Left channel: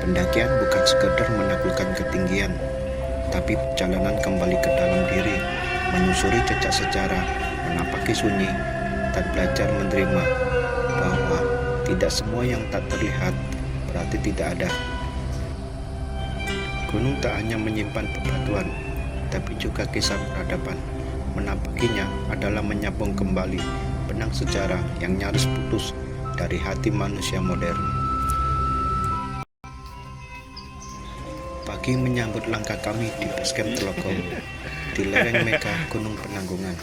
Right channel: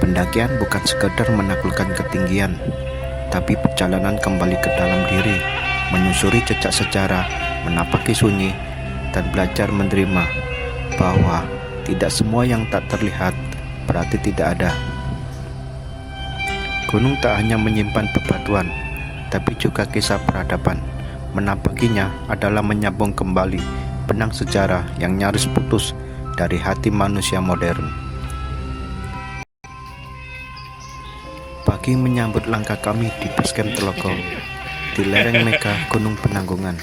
Pendakian bukan sekedar menaklukkan ketinggian, tapi perjalanan kembali ke dalam diri, menyusuri jejak sejarah, menapaki sunyi, dan belajar menerima bahwa tidak semua yang tak terlihat berarti tidak ada. Gunung tak hanya menyimpan bebatuan, tapi juga kisah peradaban. Menapakinya adalah menyambung kembali benang sejarah yang nyaris putus dari hati manusia modern. Pagi menyambut langkah kami di basecamp Telogong, di lereng mega Gunung Penanggungan.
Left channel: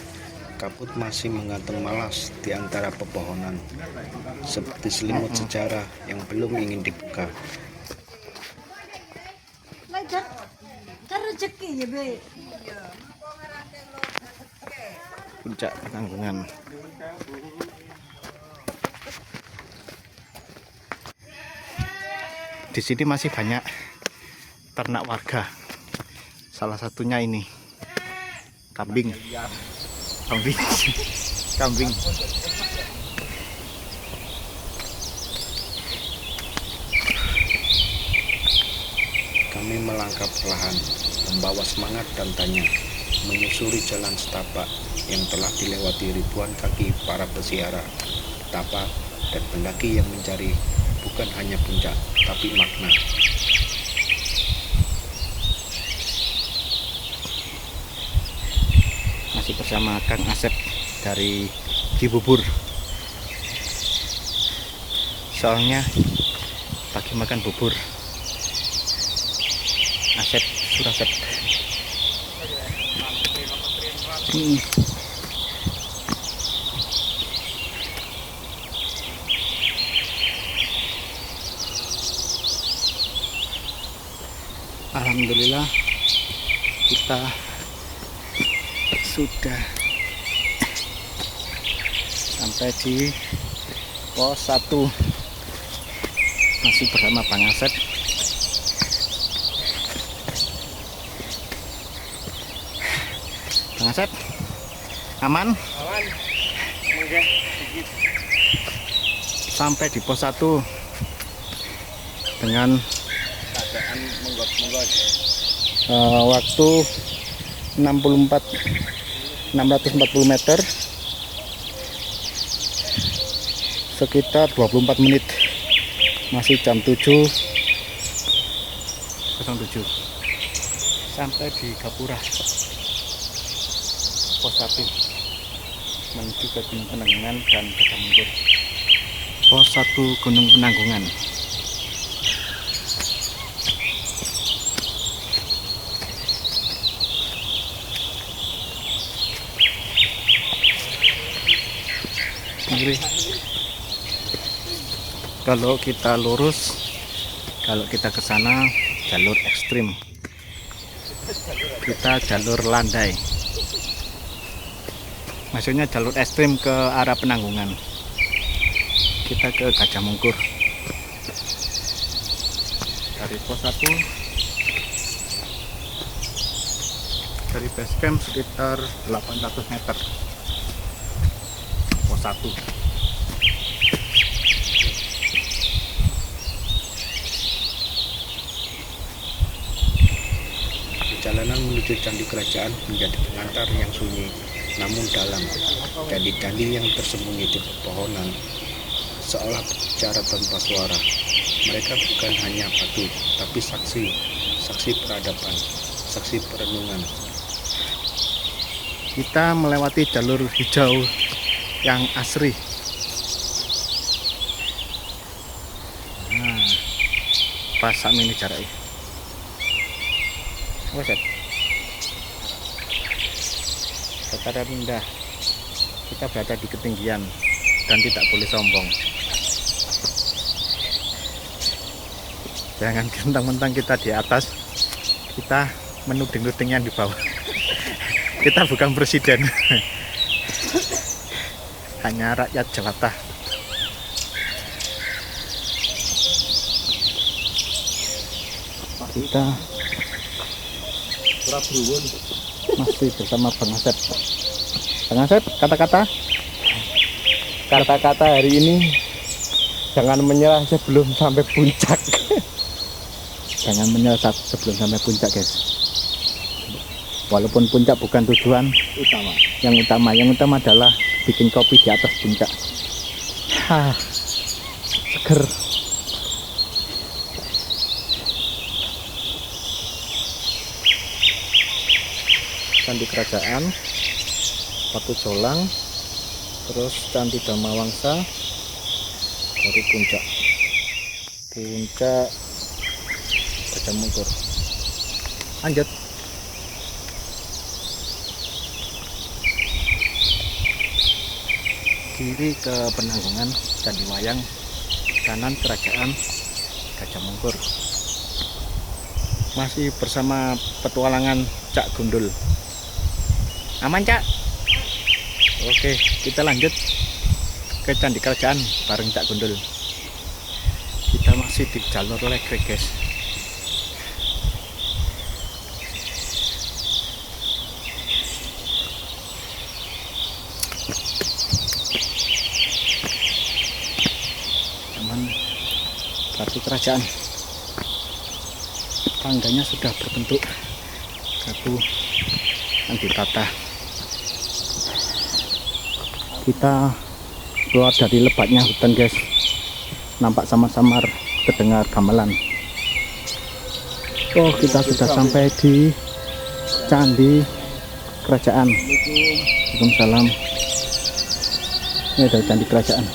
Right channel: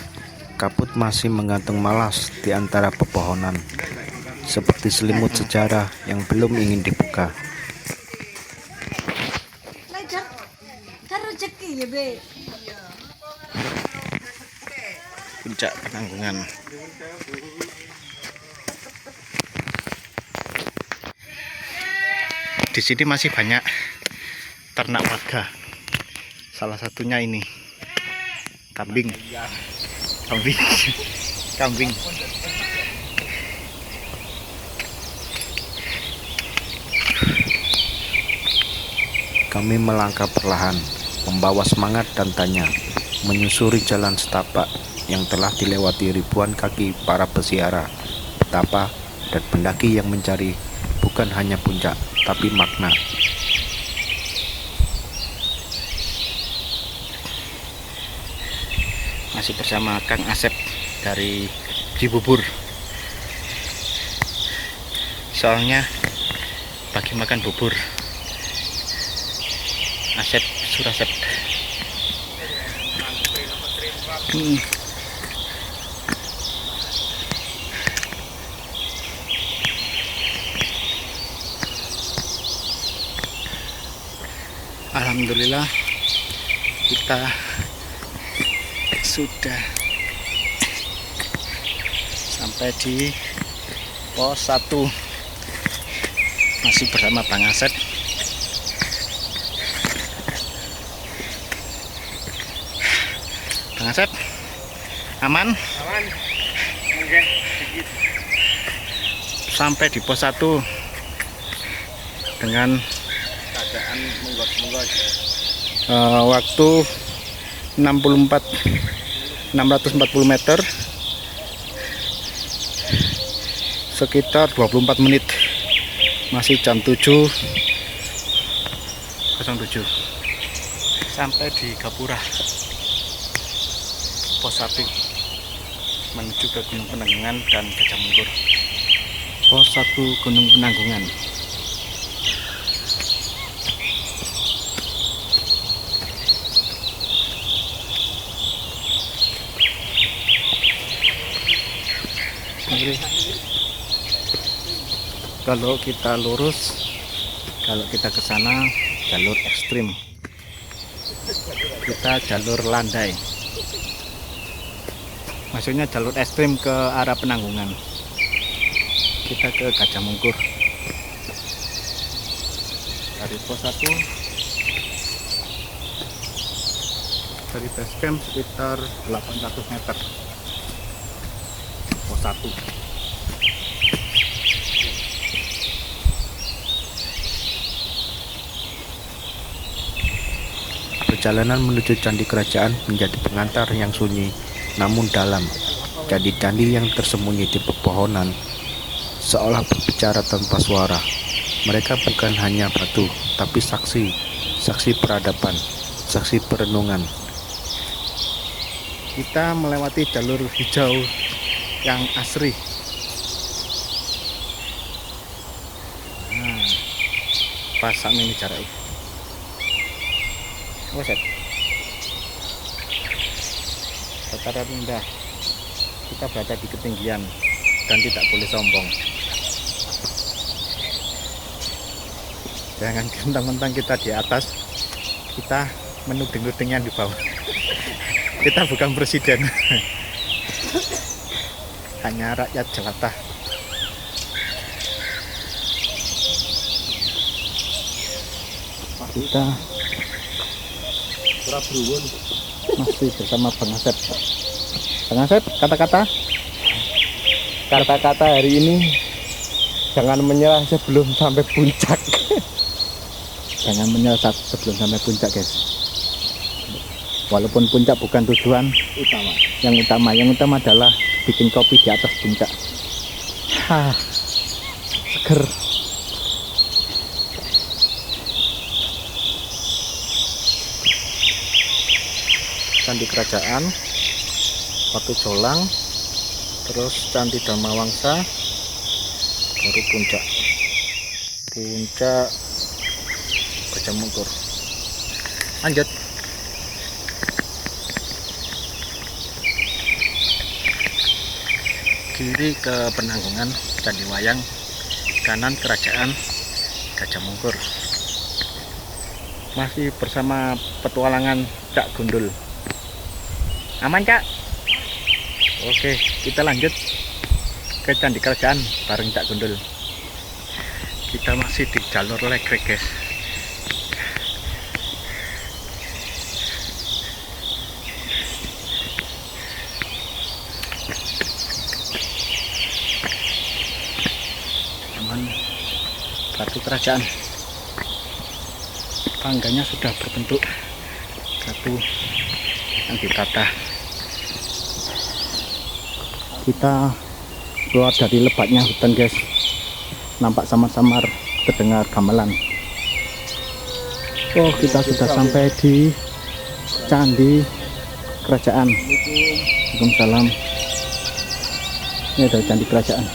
Kabut masih menggantung malas di antara pepohonan, seperti selimut sejarah yang belum ingin dibuka. Puncak Penanggungan. Di sini masih banyak ternak warga. Salah satunya ini kambing. Kambing. Kami melangkah perlahan, membawa semangat dan tanya, menyusuri jalan setapak yang telah dilewati ribuan kaki para peziarah, petapa, dan pendaki yang mencari bukan hanya puncak, tapi makna. Masih bersama Kang Asep dari Cibubur. Soalnya bagi makan bubur. Asep Surasep. Alhamdulillah kita sudah sampai di pos 1. Masih bersama Bang Asep. Bang Asep, aman? Aman. Sampai di pos 1 dengan keadaan waktu 640 meter, sekitar 24 menit. Masih jam 7.07 sampai di Gapura pos 1 menuju ke Gunung Penanggungan dan Gajah Mungkur. Pos 1 Gunung Penanggungan. Kalau kita lurus, kalau kita ke sana jalur ekstrim, kita jalur landai, maksudnya jalur ekstrim ke arah Penanggungan. Kita ke Gajah Mungkur dari pos 1, dari base camp sekitar 800 meter. Pos 1. Perjalanan menuju candi kerajaan menjadi pengantar yang sunyi namun dalam. Candi-candi yang tersembunyi di pepohonan seolah berbicara tanpa suara. Mereka bukan hanya batu, tapi saksi peradaban, saksi perenungan. Kita melewati jalur hijau yang asri. Nah, pas sama ini jaraknya. Waset. Dataran rendah. Kita berada di ketinggian dan tidak boleh sombong. Jangan mentang-mentang kita di atas, kita menuding-nuding yang di bawah. Kita bukan presiden. Hanya rakyat jelata. Kita masih bersama Bang Asep. Bang Asep, kata-kata hari ini, jangan menyerah sebelum sampai puncak. jangan menyesat sebelum sampai puncak, guys. Walaupun puncak bukan tujuan Utama. yang utama adalah bikin kopi di atas puncak. Seger. Candi Kerajaan, Watu Jolang, terus Candi Dharmawangsa, baru puncak Gajah Mungkur. Lanjut. Kiri ke Penanggungan, Candi Wayang, kanan Kerajaan Gajah Mungkur. Masih bersama petualangan Cak Gundul. Aman, Cak? Oke, kita lanjut ke Candi Kerajaan bareng Cak Gundul. Kita masih di jalur Legrek, guys. Aman, batu kerajaan. Tangganya sudah berbentuk batu yang ditata. Kita keluar dari lebatnya hutan, guys. Nampak samar-samar terdengar gamelan. Oh, kita sudah sampai di Candi Kerajaan. Waalaikumsalam. Ini adalah Candi Kerajaan.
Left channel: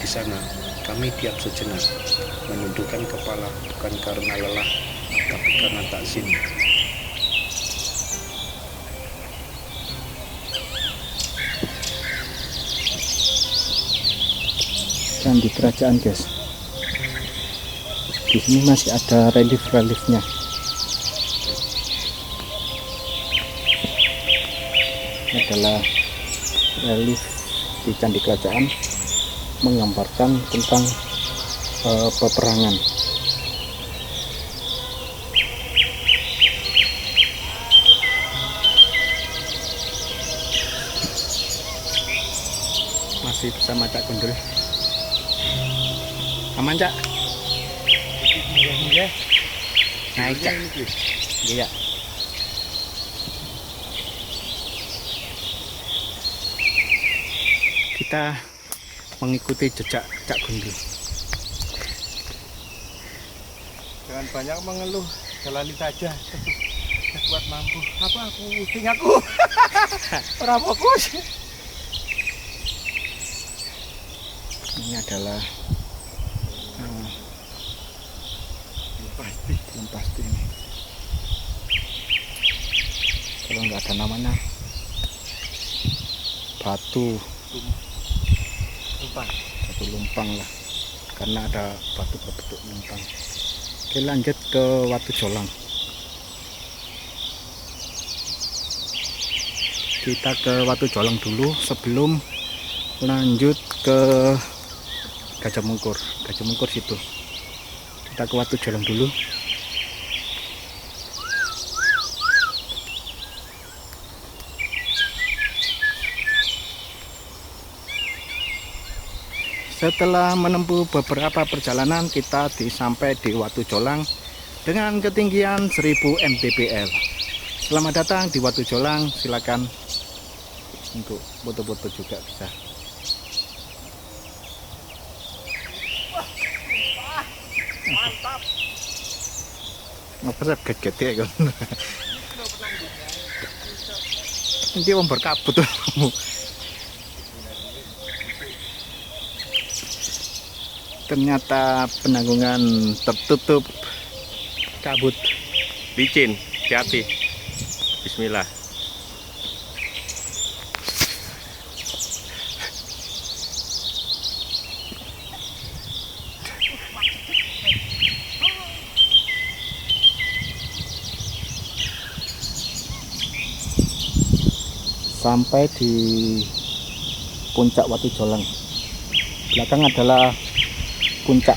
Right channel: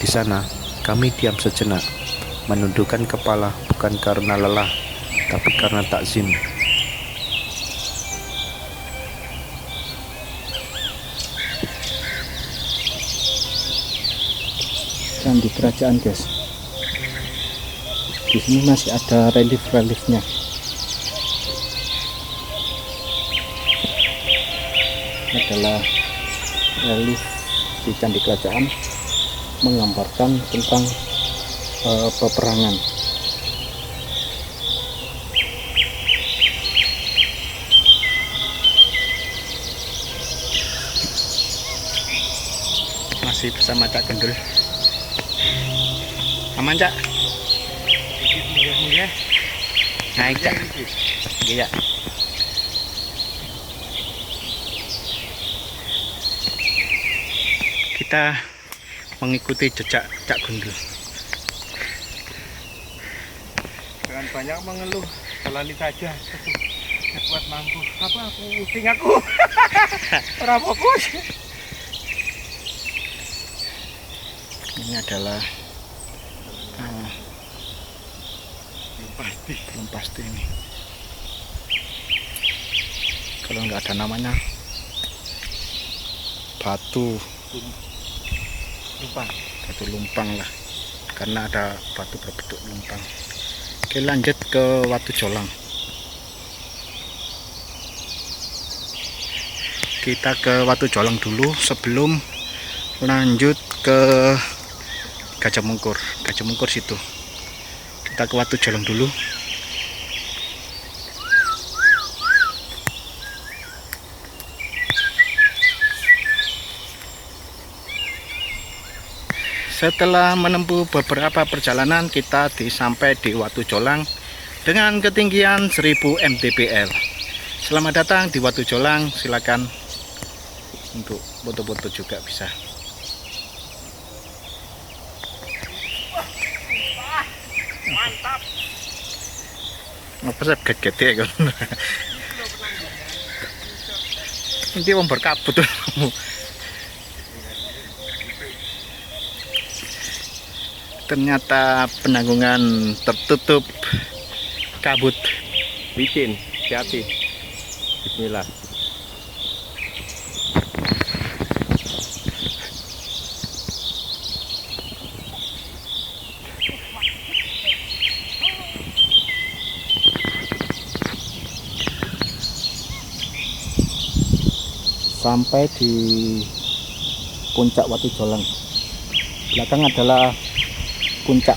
Di sana, kami diam sejenak, menundukkan kepala bukan karena lelah, tapi karena takzim. Candi Kerajaan, guys. Di sini masih ada relief-reliefnya. Ini adalah relief di Candi Kerajaan, menggambarkan tentang peperangan. Masih bersama Cak Gundul. Aman, Cak? Naik, Cak. Iya. Kita mengikuti jejak Cak Gundul. Jangan banyak mengeluh, jalani saja. Kuat mampu. Apa aku pusing aku? Ora fokus. Ini adalah belum pasti ini. Kalau nggak ada namanya, batu lumpang lah, karena ada batu berbentuk lumpang. Oke, lanjut ke Watu Jolang. Kita ke Watu Jolang dulu sebelum lanjut ke Gajah Mungkur. Gajah Mungkur situ. Kita ke Watu Jolang dulu. Setelah menempuh beberapa perjalanan, kita sampai di Watu Jolang dengan ketinggian 1000 mdpl. Selamat datang di Watu Jolang. Silakan untuk foto-foto juga bisa. Mantap. Apa sih gede-gede kan? Ini mau berkabut tuh. Ternyata penanggungan tertutup kabut. Licin, hati-hati. Bismillah. Sampai di puncak Watu Jolang. Belakang adalah puncak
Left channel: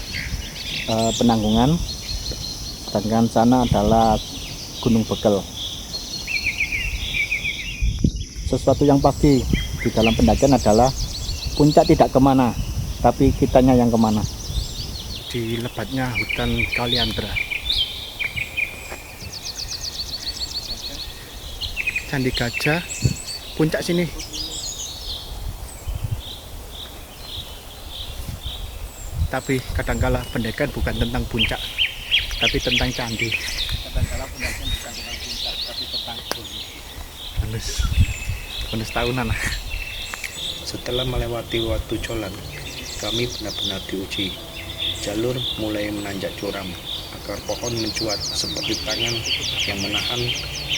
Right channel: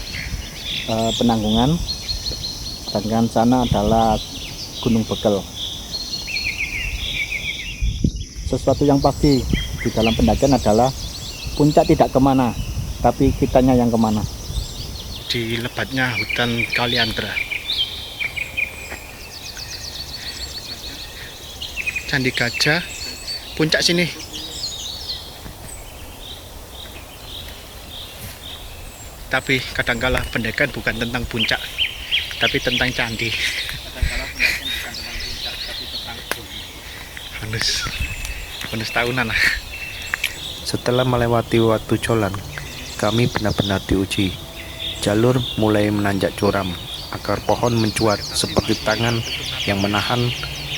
Penanggungan, sedangkan sana adalah Gunung Bekel. Sesuatu yang pasti di dalam pendakian adalah puncak tidak kemana, tapi kitanya yang kemana. Di lebatnya hutan Kaliandra. Candi Gajah, puncak sini. Tapi kadangkala pendakian bukan tentang puncak, tapi tentang candi. Kadang-kala pendakian bukan tentang puncak, tapi tentang gunung. Bonus tahunan. Setelah melewati Watu Jolang, kami benar-benar diuji. Jalur mulai menanjak curam, akar pohon mencuat seperti tangan yang menahan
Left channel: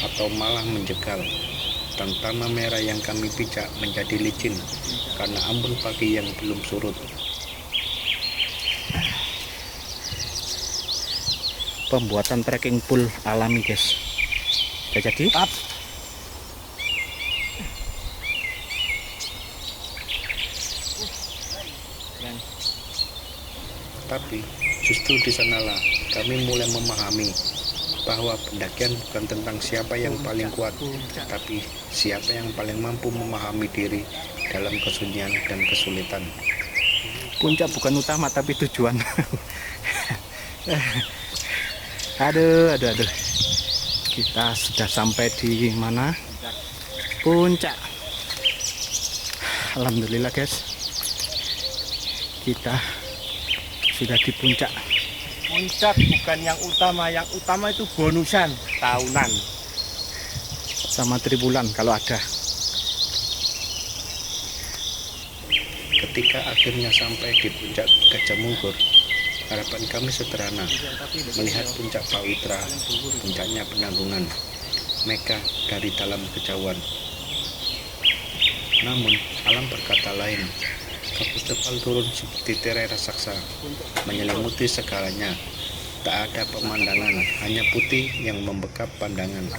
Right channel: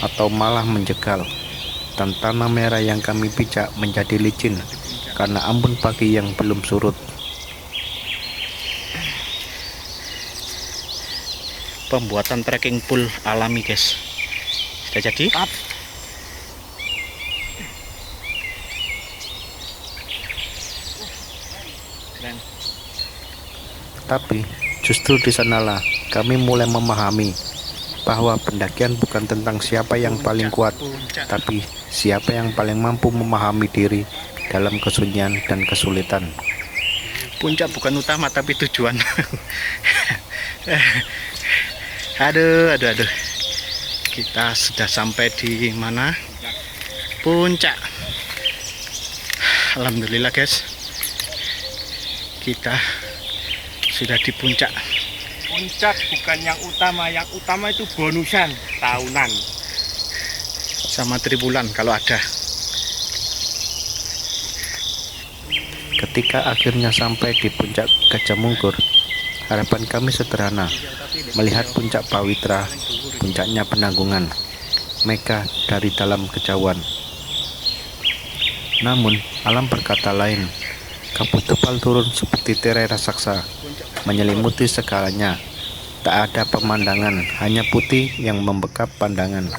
atau malah menjegal. Dan tanah merah yang kami pijak menjadi licin karena embun pagi yang belum surut. Pembuatan trekking pool alami, guys. Sudah jadi? Keren. Tapi justru di sanalah kami mulai memahami bahwa pendakian bukan tentang siapa yang paling kuat, tapi siapa yang paling mampu memahami diri dalam kesunyian dan kesulitan. Puncak bukan utama tapi tujuan. Aduh. Kita sudah sampai di mana? Puncak. Alhamdulillah, guys. Kita sudah di puncak. Puncak bukan yang utama itu bonusan tahunan. Sama tribulan kalau ada. Ketika akhirnya sampai di puncak Gajah Mungkur, harapan kami sederhana, melihat puncak Pawitra, puncaknya Penanggungan, Mega dari dalam kejauhan. Namun, alam berkata lain. Kabut tebal turun seperti tirai raksasa, menyelimuti segalanya. Tak ada pemandangan, hanya putih yang membekap pandangan.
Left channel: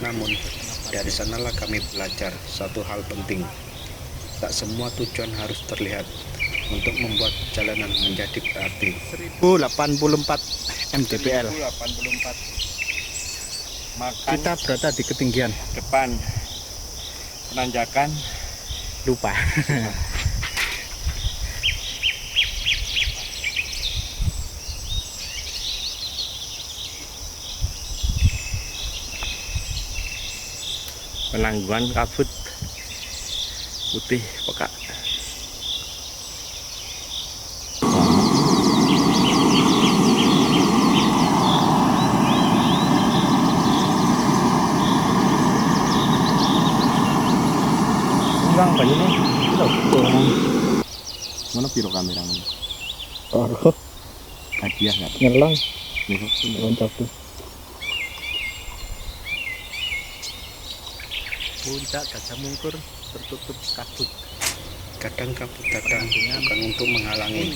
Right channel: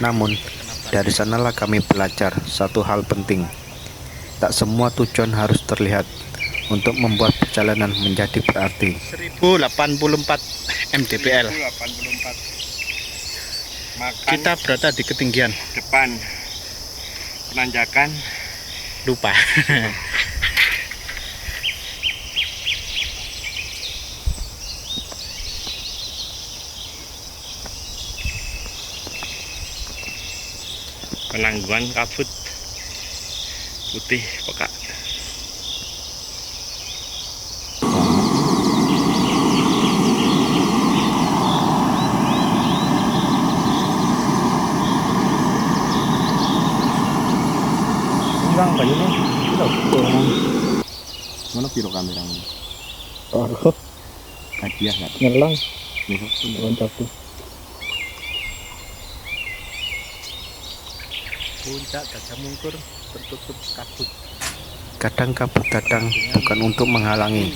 Namun, dari sanalah kami belajar satu hal penting. Tak semua tujuan harus terlihat untuk membuat perjalanan menjadi berarti. 1084 mdpl. 1084. Makan Kita berada di ketinggian. depan penanjakan. Lupa. Penanggungan kabut putih pekat. Hilang banyunya. Mana piro kameramu? Oh, Hadiah nggak? ngelang Besok tuh. loncaku. Puncak Gajah Mungkur tertutup kabut. Kadang kabut datang bukan untuk menghalangi,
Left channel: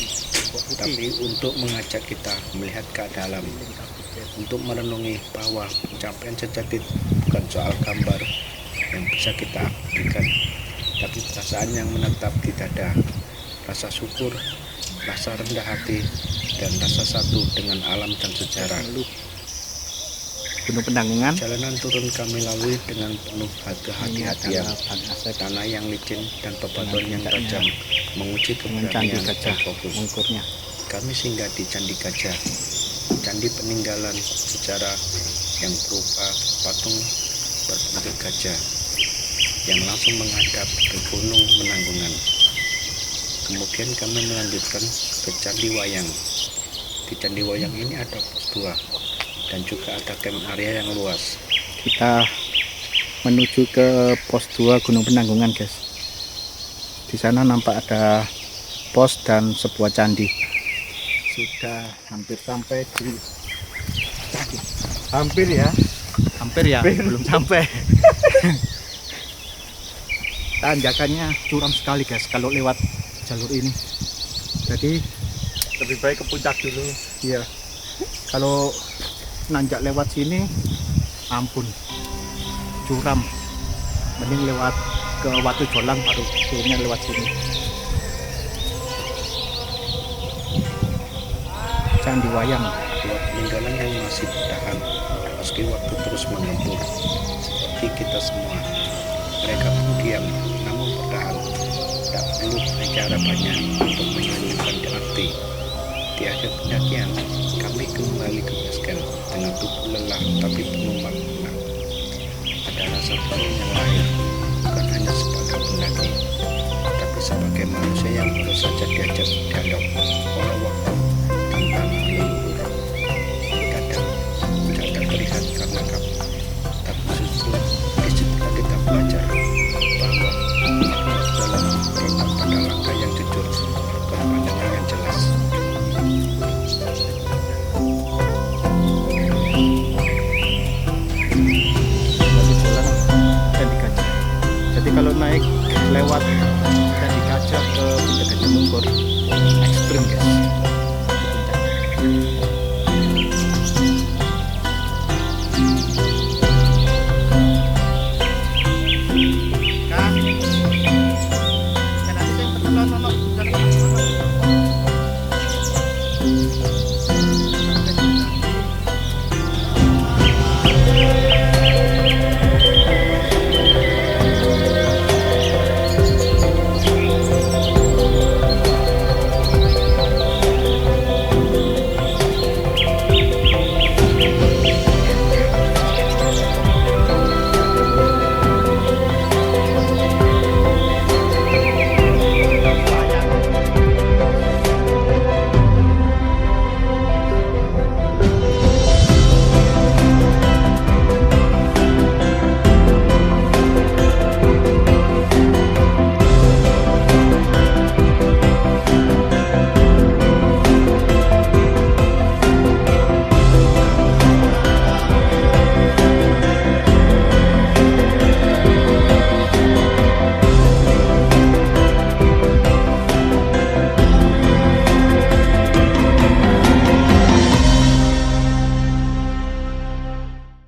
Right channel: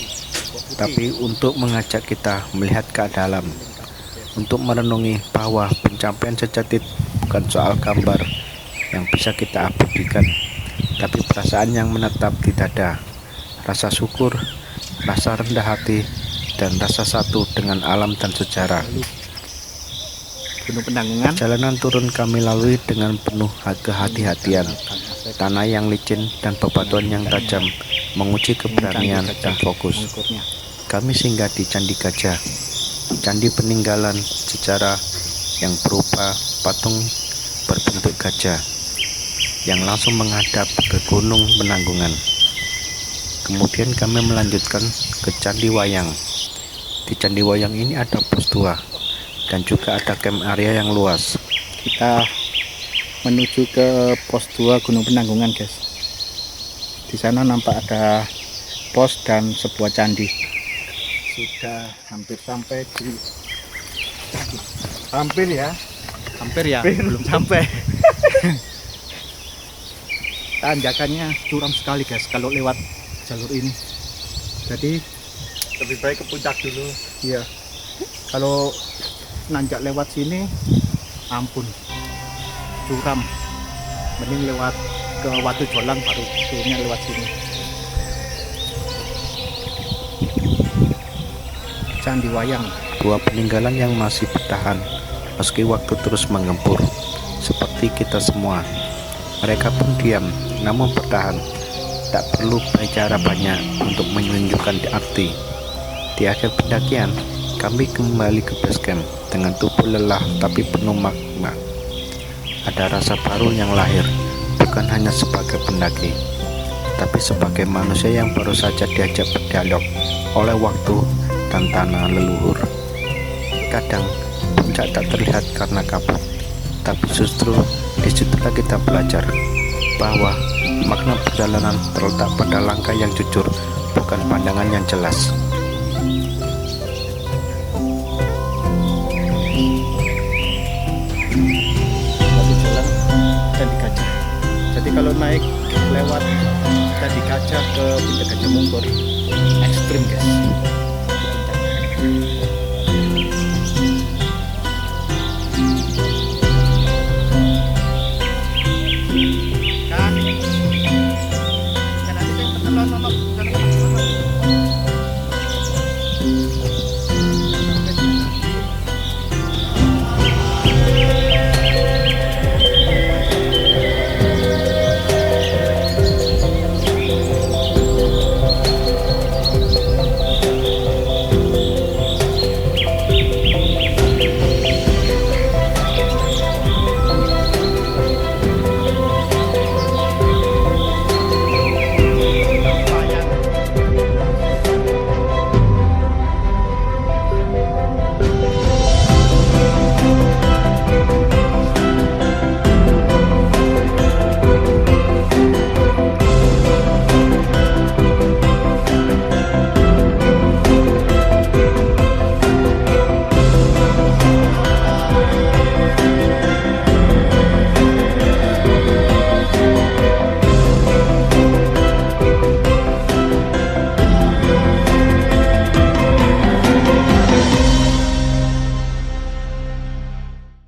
tapi untuk mengajak kita melihat ke dalam, untuk merenungi bahwa pencapaian sejati bukan soal gambar yang bisa kita abadikan, tapi perasaan yang menetap di dada, rasa syukur, rasa rendah hati, dan rasa satu dengan alam dan sejarah. Gunung Penanggungan. Jalanan turun kami lalui dengan penuh kehati-hatian. Tanah yang licin dan bebatuan yang tajam menguji keberanian dan fokus. Mungkurnya. Kami singgah di Candi Gajah, candi peninggalan sejarah yang berupa patung berbentuk gajah yang langsung menghadap ke Gunung Penanggungan. Kemudian kami melanjutkan ke Candi Wayang. Di Candi Wayang ini ada pos 2 dan juga ada camp area yang luas. Kita menuju ke pos 2 Gunung Penanggungan, guys. Di sana nampak ada pos dan sebuah candi. Sudah hampir sampai di candi. Hampir ya. Hampir ya, belum sampai. Tanjakannya curam sekali, guys, kalau lewat jalur ini. Jadi Lebih baik ke puncak dulu. ya, kalau nanjak lewat sini, ampun, curam. Mending lewat ke Watu Jolang baru turunnya lewat sini. Candi Wayang. Dua peninggalan yang masih bertahan meski waktu terus mengempur, seperti kita semua. Mereka pun diam namun bertahan. Tak perlu bicara banyak untuk menunjukkan arti. Di akhir pendakian, kami kembali ke base camp dengan tubuh lelah tapi penuh makna. ada rasa baru yang lahir, bukan hanya sebagai pendaki, tapi sebagai manusia yang baru saja diajak berdialog oleh waktu dan tanah leluhur. Kadang puncak tak terlihat karena kabut, tapi justru disitulah kita belajar bahwa makna perjalanan terletak pada langkah yang jujur, bukan pandangan yang jelas. Watu Jolang Candi Gajah. Jadi kalau naik lewat Candi Gajah ke Puncak Gajah Mungkur ekstrim guys.